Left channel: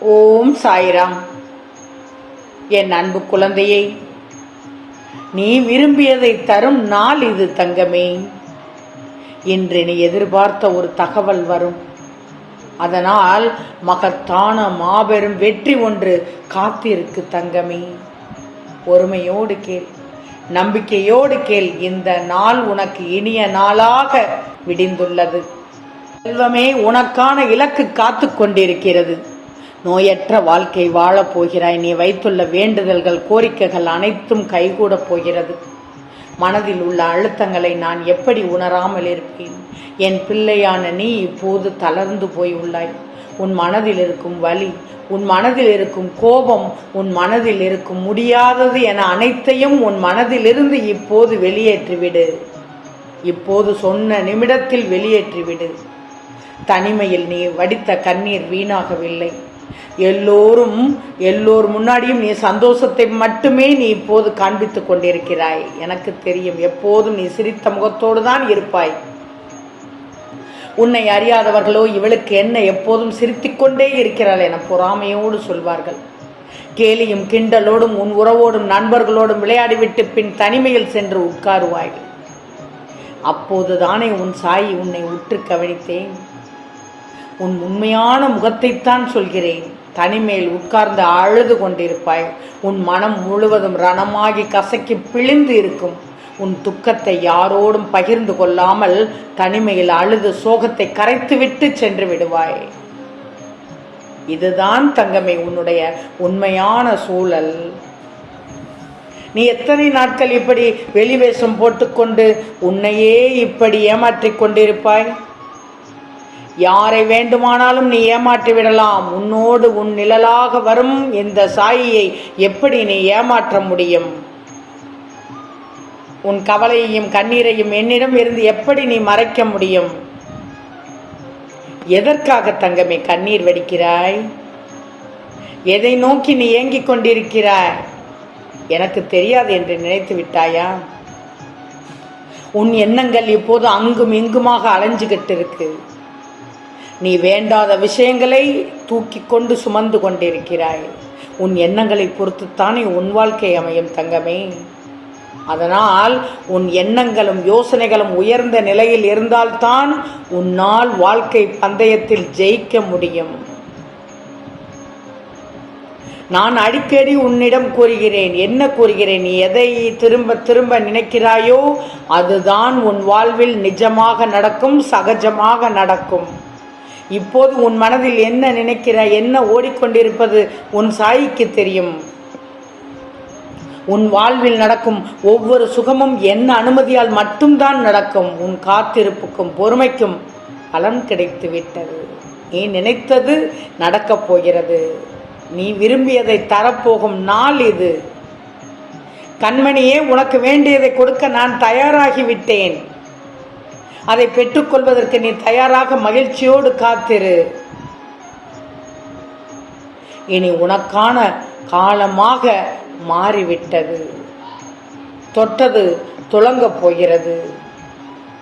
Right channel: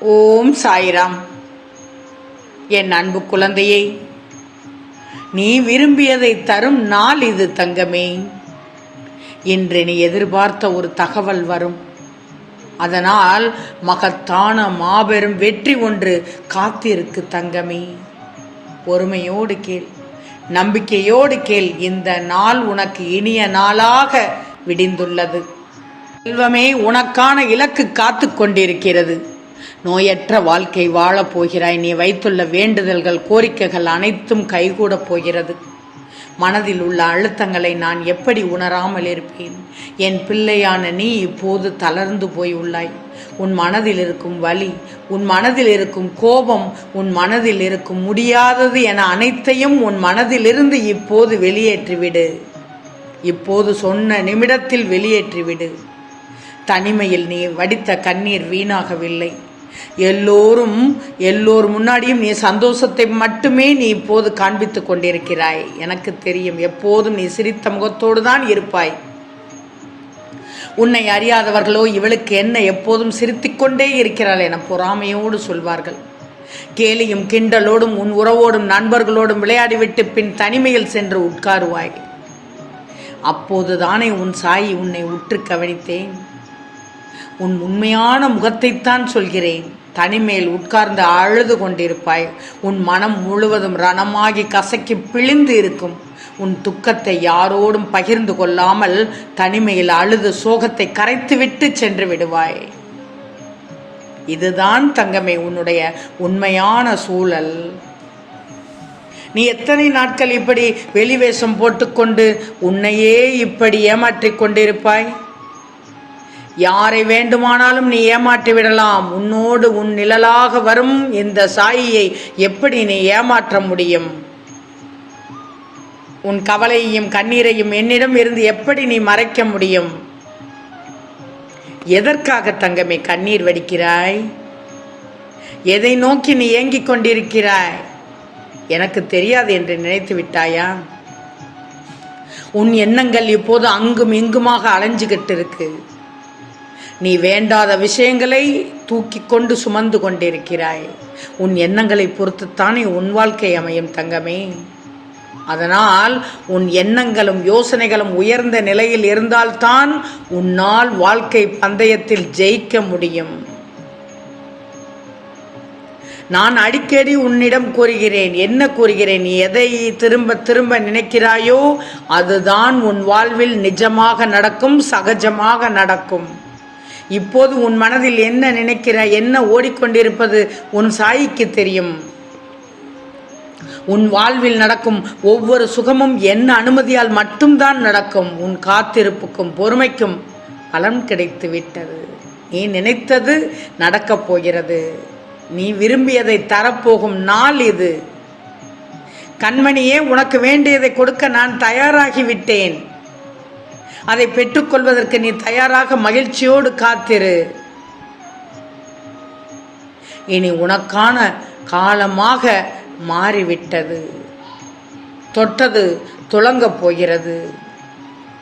ஓம் சாய்ராம். என் அன்பு குழந்தையே நீ விரும்பியதை தரும் நாள் இது தங்கமே. இன்று நீ எதிர்பார்த்த ஒரு தகவல் வரும். அதனால் மகத்தான மாபெரும் வெற்றி ஒன்று காத்திருக்கு தங்கமே. பொறுமையோடு கேள் நம்பிக்கையோடு கேள் இந்த நாள் உனக்கு இனிய நாளாக விடிந்துள்ளது. செல்வமே உனக்கான இலக்கு காத்து கொண்டிருக்கிறது. நோயற்ற வாழ்க்கை வாழப் போகிறாய். நீ வைத்துள்ள வேண்டுதல்கள் கோரிக்கைகள் அனைத்தும் கைகூடப் போகிறது. மனதில் உள்ள அழுத்தங்களை நான் எப்படி உணராமல் இருப்பேன்? என் பிள்ளையான நீ இப்போது தளர்ந்து போய் உள்ளாய். உன் மனதில் இருக்கும் வலி உன் மனதில் இருக்கும் கோபம் உன் மனதில் இருக்கும் முடியாதது என அனைத்தையும் உன் மனதிலிருந்து இப்போது வெளியேற்றிவிடு. இப்போது சொன்ன நிமிடத்தில் வெளியேற்றிவிடு. தனிமையில் நீ வடித்த கண்ணீர் வீணாகவில்லை. எல்லோரும் எல்லோர் முன்னாடியும் நீ சந்தோஷத்தை மட்டுமே நீ இப்போது காண்பித்துக் கொண்டிருக்கிறாய். எனக்கு தெரியும் எப்போதும் நீ சிரித்த முகத்தோடு தான் இருப்பாய். உன்னை அறியாதவர்களோ இவளுக்கு என்ன எப்போதும் சிரித்துக்கொண்டே இருக்கிறாள் என பொறாமையோடு சொல்வார்கள். கேலியும் கிண்டலோடும் உன் உறவோடும் நண்பர்களோடும் விளையாடிவிட்டு பின் தனிமையில் சென்று உட்காருவாய். அப்போதுதானே உன் சாய் உன்னை உற்று கவனித்தேன். உன் உண்மையான முகத்தைத்தான் சொல்கிறேன். தனிமேல் உட்கார்ந்து அழுது கொண்டிருப்பாய். உன் மனம் முழுவதும் ரணமாகி கசக்கி பிழிந்து இருக்கும். உன் துக்கத்தை யாரோடும் பகிர்ந்து கொள்ளாமல் தனிமையில் அழுது சோகத்தை கரைத்துவிட்டு சென்று விடுவாய். இதுதான் தங்கமே உன்னுடைய உண்மையான சூழல். நீ எத்தனை நாட்கள் இப்படி வெளிவேஷம் போட்டுக்கொண்டு உன்னையே இப்படி ஏமாற்றிக் கொண்டிருப்பாய்? யாரை வேண்டுமானாலும் நீ ஏமாற்றி விடலாம். உன்னோடு உன் நிழலாக வரும் இந்த சாயியை எப்படி நீ ஏமாற்ற முடியும்? உன் கவலையையும் கண்ணீரையும் என்னிடம் இருந்து எப்படி நீ மறைக்க முடியும்? எதற்காக தங்கமே கண்ணீர் வடிக்கிறாய்? எதை நோக்கி நீ ஏங்கிக் கொண்டிருக்கிறாய்? எனக்கு தெரியாது என்று நினைத்து விட்டாயா? உன் எண்ணங்கள் இப்போது அங்கும் இங்குமாக அலைஞ்சுகிட்டு இருக்கு. நீ வேண்டாத விஷயங்களை தூக்கி கொண்டு சுமந்து கொண்டிருக்கிறாய். உன் எண்ணங்களை பொறுத்துத்தானே உன் வாழ்க்கை அமையும் தங்கமே. அதனால் உன் எண்ணங்களும் யோசனைகளும் உயர்ந்த நிலையில் இருந்தால்தான் உன்னால் வாழ்க்கை பந்தயத்தில் ஜெயிக்க முடியும். நான் அடிக்கடி உன்னிடம் கூறுகிறேன் என்ன கூறுகிறேன்? நீ எதை திரும்ப திரும்ப நினைக்கிறாயோ அதுதான் உன் வாழ்வில் நிஜமாக நடக்கும் சகஜமாக நடக்கும். இப்போது உன் மனதில் என்ன நினைக்கிற என்ன ஓடிக்கொண்டிருப்பது உன் சாய்க்கு தெரியும். உன் வாழ்வில் நடக்கும் ஒவ்வொரு சுகமும் என்ன அனுமதியால் மட்டும்தான் நடக்கும். உன் காத்திருப்புக்கும் பொறுமைக்கும் பலன் கிடைத்து விட்டது நீ நினைத்தது நடக்கப் போகிறது. நீ விரும்பியதை தரப்போகும் நாள் இது. கண்மணியே உனக்கு வேண்டியதை கொடுக்க நான் தயாராகிவிட்டேன். அதை பெற்றுக்கொள்வதற்கு நீ தயாராக மகிழ்ச்சியோடு காத்திரு. இனி உனக்கான காலமாக மாறிவிட்டது. தொட்டது துளங்கப் போகிறது.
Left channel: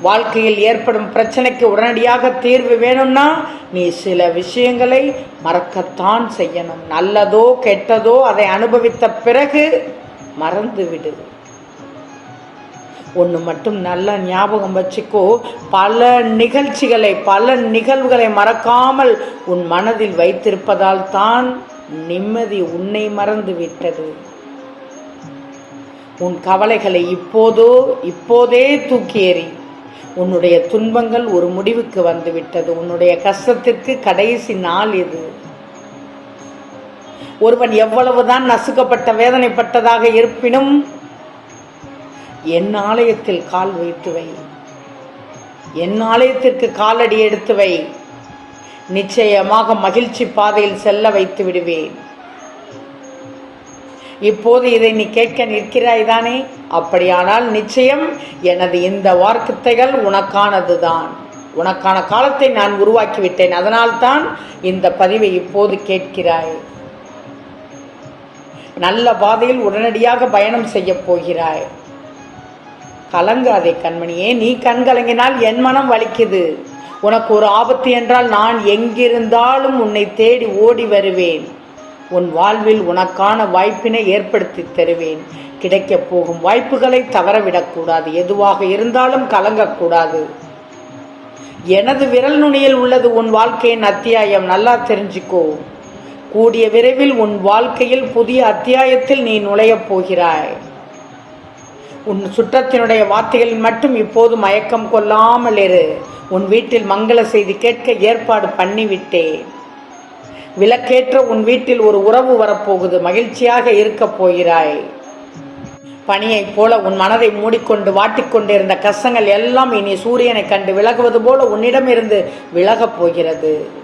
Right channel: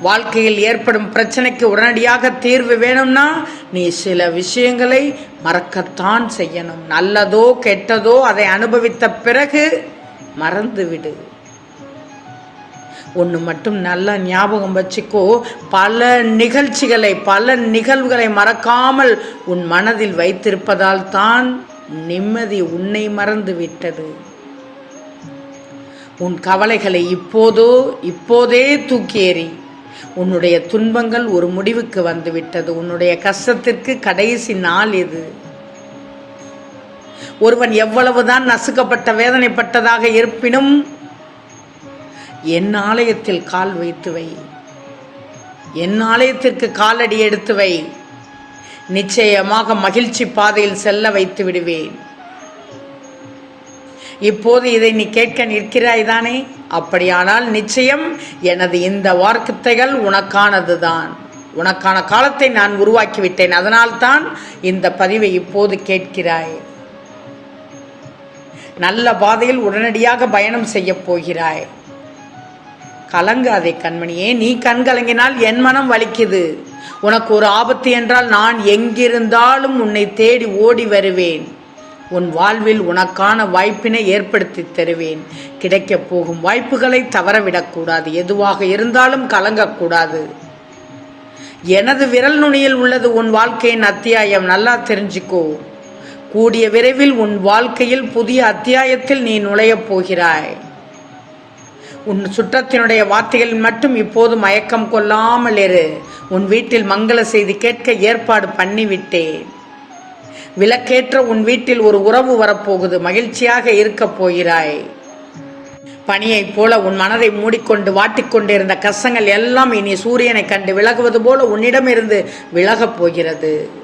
வாழ்க்கையில் ஏற்படும் பிரச்சனைக்கு உடனடியாக தீர்வு வேணும்னா நீ சில விஷயங்களை மறக்கத்தான் செய்யணும். நல்லதோ கெட்டதோ அதை அனுபவித்த பிறகு மறந்துவிடு. ஒன்று மட்டும் நல்ல ஞாபகம் வச்சுக்கோ. பல நிகழ்ச்சிகளை பல நிகழ்வுகளை மறக்காமல் உன் மனதில் வைத்திருப்பதால் தான் நிம்மதி உன்னை மறந்து விட்டது. உன் கவலைகளை இப்போதோ இப்போதே தூக்கேறி உன்னுடைய துன்பங்கள் ஒரு முடிவுக்கு வந்துவிட்டது உன்னுடைய கஷ்டத்திற்கு கடைசி நாள் இது. ஒருவன் எவ்வளவுதான் நசுக்கப்பட்ட வேதனைப்பட்டதாக இருப்பினும் என் ஆலயத்தில் கால் வைத்து வை என் ஆலயத்திற்கு காலடி எடுத்து வை நிச்சயமாக மகிழ்ச்சி பாதையில் செல்ல வைத்து விடுவேன். இப்போது இதை நீ கேட்க நிற்கிறாய் தானே? அப்படியானால் நிச்சயம் எனது இந்த வார்த்தைகள் உனக்கானதுதான். உனக்கான காலத்தை நான் உருவாக்கிவிட்டேன். அதனால்தான் இந்த பதிவை இப்போது கேட்கிறாய். நல்ல பாதையில் உடனடியாக பயணம் செய்யப் போகிறாய். கலங்காதே கண்மணியே. நீ கண் கலங்கினால் என் மனம் வலிக்குது. உனக்கு ஒரு ஆபத்து என்றால் நான் எங்கிருந்தாலும் உன்னை தேடி ஓடி வருவேன். உன் வாழ்வில் உனக்கான வாய்ப்பினை ஏற்படுத்தி தருவேன். கிடைக்கப் போகும் வாய்ப்புகளை தவறவிடக்கூடாது எதுவாக இருந்தாலும் கலங்கக்கூடாது எனது விரல் நுனியில் உள்ளது உன் வாழ்க்கையின் அத்தியாயம். நல்லா தெரிஞ்சுக்கோ. கூடிய விரைவில் உன் வாழ்க்கையில் புதிய அத்தியாயத்தில் நீ நுழையப் போகிறாய். உன் சுற்றத்தினுடைய வார்த்தைகளில் மட்டும் இப்போது மயக்கம் கொள்ளாமல் இரு. உன் வீட்டில் மங்கள செய்தி கேட்க ஏற்பாடு பண்ணிவிட்டேன். விளக்கேற்ற உன் வீட்டில் ஒரு உறவு வரப்போகுது. மகிழ்ச்சியாக இருக்கப் போகிறாய். பனியைப் போல உன் மனதை மூடிக்கொண்டு வாட்டிக்கொண்டிருந்த கசங்கள் எல்லாம் இனி சூரியனை கண்டு விலகுவது போல உன்னிடமிருந்து விலகப் போகிறது.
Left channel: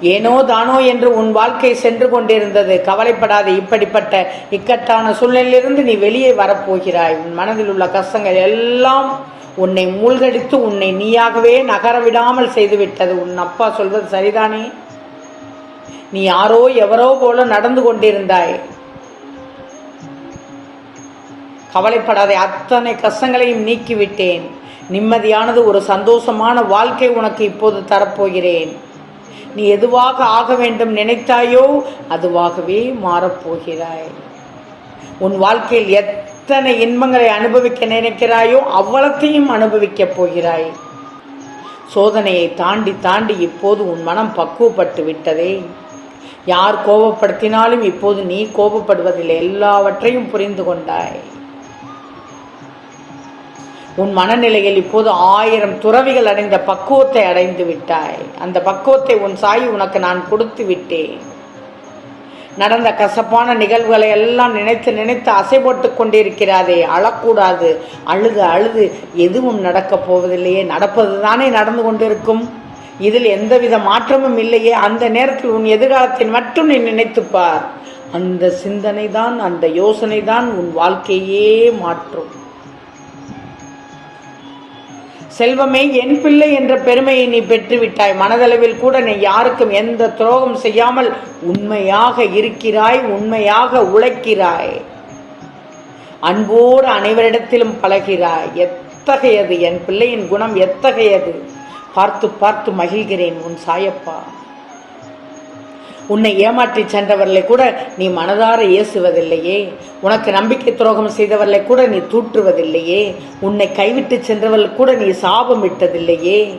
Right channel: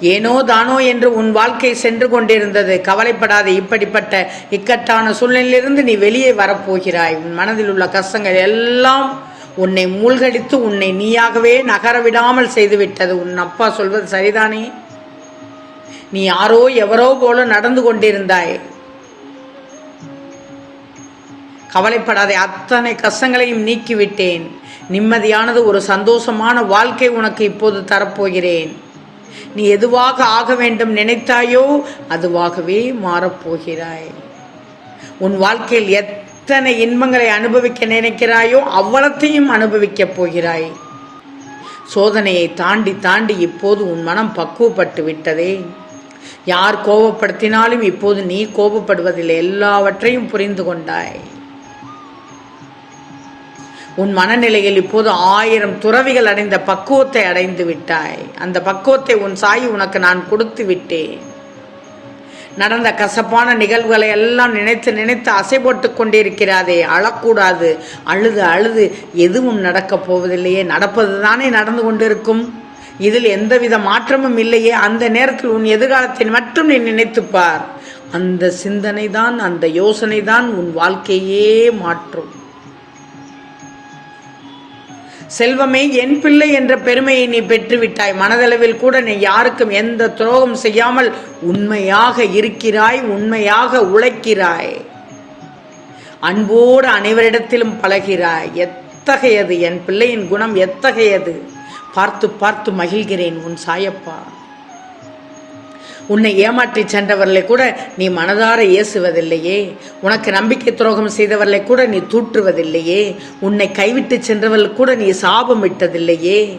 ஏனோ தானோ என்று உன் வாழ்க்கை சென்று கொண்டிருந்தது. கவலைப்படாதே இப்படிப்பட்ட இக்கட்டான சூழ்நிலையிலிருந்து நீ வெளியே வரப்போகிறாய். உன் மனதில் உள்ள கஷ்டங்கள் எல்லாம் உன்னை மூழ்கடித்து உன்னை நீயாகவே நகர விடாமல் செய்துவிட்டது. உன் அப்பா சொல்வது சரிதானே? நீ யாரோ எவரோ போல நடந்து கொண்டிருந்தாய். கவலைப்படாதே அத்தனை கஷ்டங்களையும் நீக்கிவிட்டேன். நிம்மதியானது ஒரு சந்தோஷமான வாழ்க்கை உனக்கு இப்போது தரப்போகிறேன். நீ எதுவாக ஆக வேண்டும் நினைத்தாயோ அதுவாகவே மாறப்போகிறாய். உன் வாழ்க்கையில் எத்தனை இன்பங்களை அனுபவிக்க நினைக்கிறாயோ அவ்வளத்தையும் அனுபவிக்கப் போகிறாய். சோதனையை தாண்டி தாண்டி இப்போது உன் மனம் பக்குவப்பட்டு விட்டதே. யார் கோபப்படுத்தினாலும் இப்போது நீ கோபப்படுவதில்லை எல்லாவற்றையும் புரிந்து கொண்டாய். உன் மனநிலையில் இப்போது ஆயிரம் துறவிகள் அடைந்த பக்குவத்தை அடைந்து விட்டாய். அந்த பக்குவத்தை உன் சாய் உனக்கு நான் கொடுத்து விட்டேன். நடந்த கசப்பான நிகழ்வுகளை எல்லாம் நினைத்து நினைத்து அசை போட்டு கொண்டிருக்கிறாதே. அழக்கூடாது. அழுது அழுது எதுவும் நடக்கப் போவதில்லையே. நடப்பது தானே நடந்து கொண்டிருக்கும். இதில் எந்தவித மாற்றமும் இல்லையே. அந்த நேரத்தில் உன் எதிர்காலத்தை மட்டும் நீ நினைத்துப்பார் அந்த சிந்தனை தான் அந்த யோசனை தான் உன் வாழ்க்கையே மாற்றும். செல்வமே என் பிள்ளை என்ற பெருமையை நீ பெற்றுவிட்டாய். மனதளவில் கூட நீ யாருக்கும் எந்த துரோகம் செய்யாமல் உண்மையாக இருக்கிறாய் உண்மையாக உழைக்கிறாய். அன்போடு அனைவரிடத்திலும் பழகிறாய். எத்தகையது? என் பிள்ளையின் குணம் எத்தகையது? பார்த்து பார்த்து மகிழ்கிறேன் உன் சாயப்பா. உன்னை ஏமாற்றி சென்றவர்களை கூட நீ மனதார ஏசுவதில்லையே. உனக்கு நம்பிக்கை துரோகம் செய்தவர்களை கூட நீ தூற்றுவதில்லையே. உன்னை கைவிட்டு சென்றவர்கள் கூட நீ சாபம் விட்டதில்லையே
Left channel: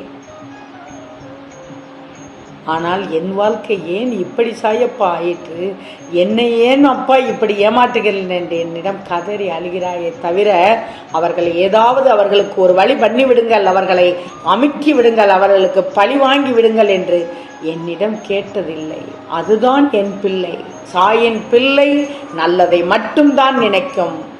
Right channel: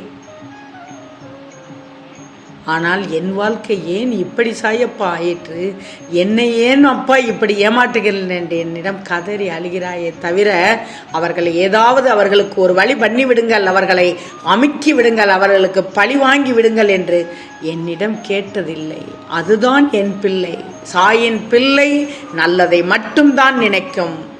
ஆனால் என் வாழ்க்கை ஏன் இப்படி சாயப்பா ஆயிற்று? என்னை ஏன் அப்பா இப்படி ஏமாற்றுகிறேன் என்று என்னிடம் கதறி அழுகிறாயே தவிர அவர்களை ஏதாவது அவர்களுக்கு ஒரு வழி பண்ணி விடுங்கள் அவர்களை அமுக்கி விடுங்கள் அவர்களுக்கு பழி வாங்கி விடுங்கள் என்று என்னிடம் கேட்டதில்லை. அதுதான் என் பிள்ளை. சாயின் பிள்ளை நல்லதை மட்டும்தான் நினைக்கும்.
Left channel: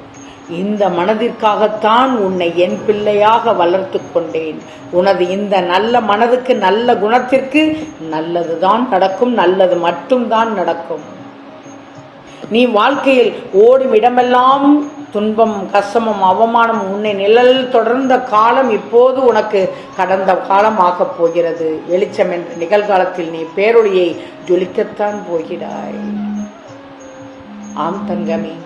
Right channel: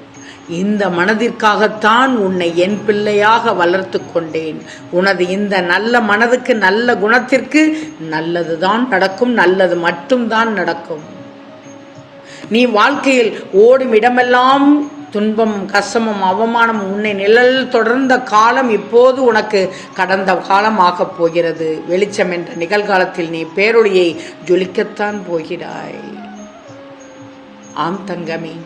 இந்த மனதிற்காகத்தான் உன்னை என் பிள்ளையாக வளர்த்து கொண்டேன். உனது இந்த நல்ல மனதுக்கு நல்ல குணத்திற்கு நல்லதுதான் நடக்கும் நல்லது மட்டும்தான் நடக்கும். நீ வாழ்க்கையில் ஓடும் இடமெல்லாம் துன்பம் கஷ்டமும் அவமானம் உன்னை நிழல் தொடர்ந்த காலம் இப்போது உனக்கு கடந்த காலம் ஆகப் போகிறது. வெளிச்சம் என்ற நிகழ்காலத்தில் நீ பேரொழியை ஜொலிக்கத்தான் போகிறாய். ஆம் தங்கமே